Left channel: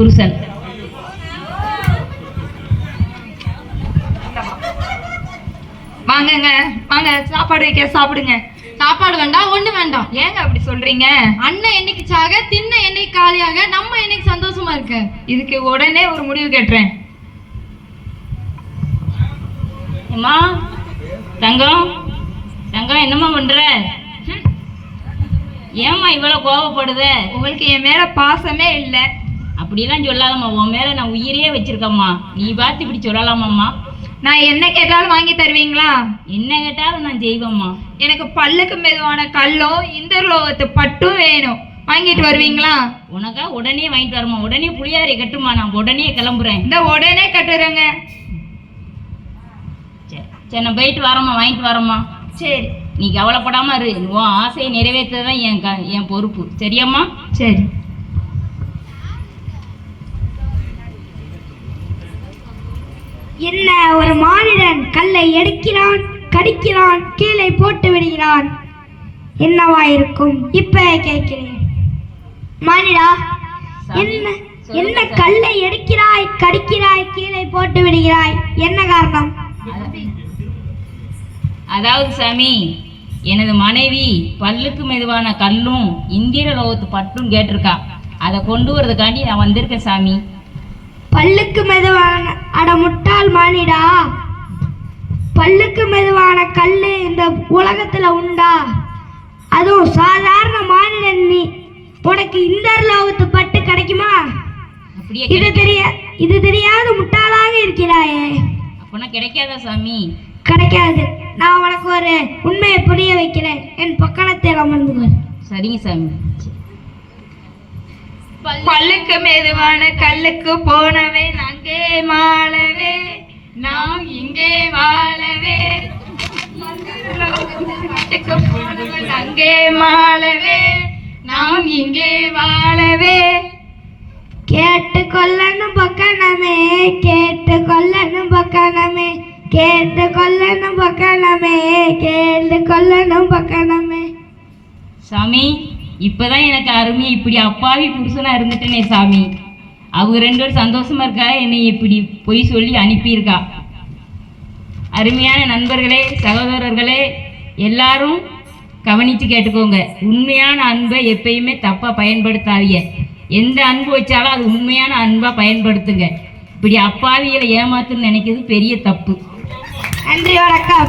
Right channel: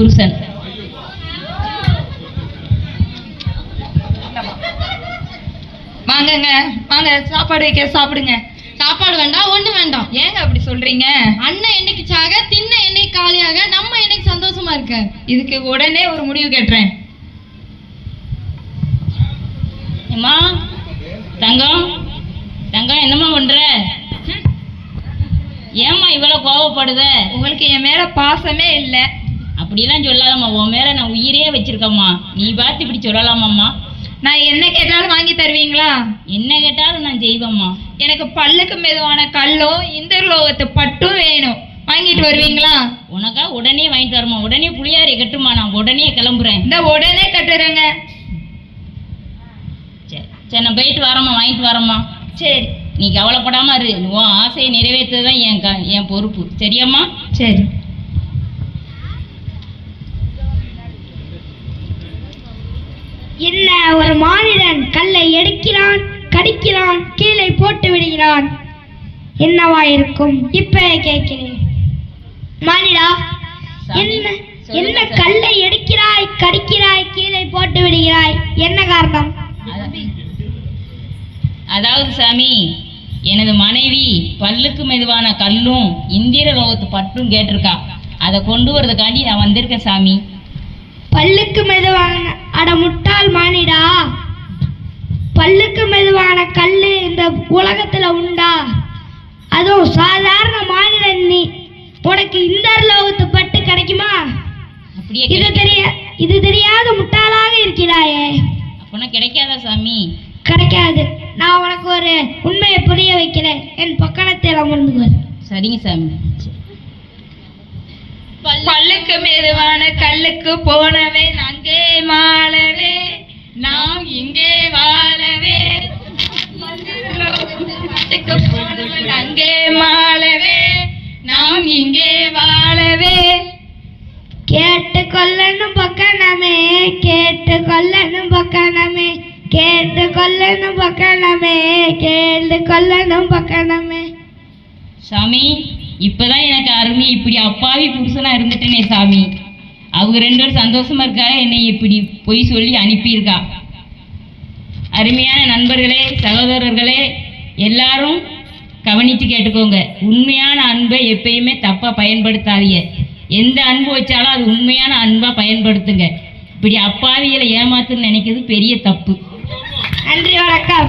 புருஷன். வாங்கங்க, வாங்க சாப்பாடு வைக்க, சாப்பிடுங்க. சாப்பாடு வேண்டாம், ஒண்ணு வேண்டாம். ஏங்க அப்படி சொல்றீங்க? அண்ணன் என்னைக்கு சாக, தின்ன என்னைக்கு காலியாக, நம்ம என்னைக்கு சந்தோஷமா இருக்க. இதுக்கு உடனே ஒரு முடிவு கேட்டுறேன். அம்மா தங்கம், தங்கம் என்னம்மா பண்ற? ஏம்மா இவ்வளவு கோவப்படுத? உங்களுக்கு என் மேல பாசமே இல்லை. அப்படிலாம் சொல்லாதம்மா, உன் மேல நான் உயிரே வச்சிருக்கம்மா. நீ பார்த்து இப்படி சொல்லலாமாம்மா? நான் என்ன கேட்டாலும் வாங்கி தருவீங்களா? என்ன கேட்டாலும் நான் செய்வேம்மா. எனக்கு பல்லுக்கு மெதுவான கல்லும் இந்தர்லோகத்து பட்டும் வேணும், வாங்கிட்டு வருவீங்களா? உனக்கா உடனே வாங்கிட்டு வரமா? உடனே புளியாரை கட்டுமா, நான் உடனே கிளம்புறேன். இந்த உடனே கட்டுறேங்க. சரி நான் போயிட்டு வரேம்மா, வாங்கிட்டு வரேம்மா. சரி, நீ கவலைப்படாம இரு. உன் ஆசையை நிறைவேற்றதான் என் பொறுப்பு. சரியாம்மா? சரி. என்ன ஒரு மானிடன் கல்லை எடுக்கிறான், கடிக்கிறான், கீழே போட்டு விடுகிறான். என்னவா இருக்கும்? இப்ப கேட்கிறேன். மானிடா, என்ன என்ன கல்லை எடுக்கிறாய், கடிக்கிறாய், கீழே போட்டு விடுகிறாய், என்ன காரணம்? அதாவது சாமி, எனது மனைவி பல்லுக்கு மெதுவான கல்லும் இந்திர லோகத்து பட்டும் கேட்டிருக்கா. அதை கொண்டு வரதுக்காண்டி நான் வந்திருக்கேன் சாமி. பல்லுக்கு மெதுவான, அட முட்டாள் மானிடா, பல்லுக்கு மெதுவான கல்லு இந்த உலகத்துல உண்டா? அதுவும் சாதாரண மானிடன் நீ, உனக்கு இந்த லோகத்து பட்டு கிடைக்குமா? இது தெரியாத முட்டாளாக இருக்கிறாயே. அப்பனா கிடைக்காதா சாமி? கிடைக்காது. நான் உனக்கு ஒரு உண்மையை புரிய வைக்கிறேன். என் பக்கத்தில் அமர்ந்துகள். சரிங்க சாமி. பல்லுக்கு மெதுவான கல்லுக்கு போனவே அங்கே மாளவே, நாம் இங்கே வாழவே. அங்கே மாளவே, நாம் இங்கே வாழவே. கேட்டு கொள்ளணும் பக்கணமே, கேட்டு கொள்ளணும் பக்கணமே, கேட்டு கொள்ளணும் பக்கணமே, கேட்டு கொள்ளணும் பக்கணமே. சாமி, இப்பதான் எனக்கு அருமை. இப்படி அப்பாவி புருஷனா இருந்துட்டேனே சாமி. அவங்க 2 பேரும் சந்தோஷமா இருக்கா, என்னை இப்படி பொய் சொல்லி அனுப்பியிருக்கா. அருமையான நண்பர்களே, சகோதரர்களே, எல்லாரும் கவனித்து கேட்டுக்கோங்க. உண்மையான அன்பை எப்பயுமே தப்பாக பயன்படுத்தாதீங்க. எந்த அன்பு வச்சாலும் அது உண்மையான அன்பாக பயன்படுத்துங்க. இப்படி அப்பாவிகளை ஏமாத்துன்னு நினைக்கிறது பெரிய தப்பு. நன்றி, வணக்கம்.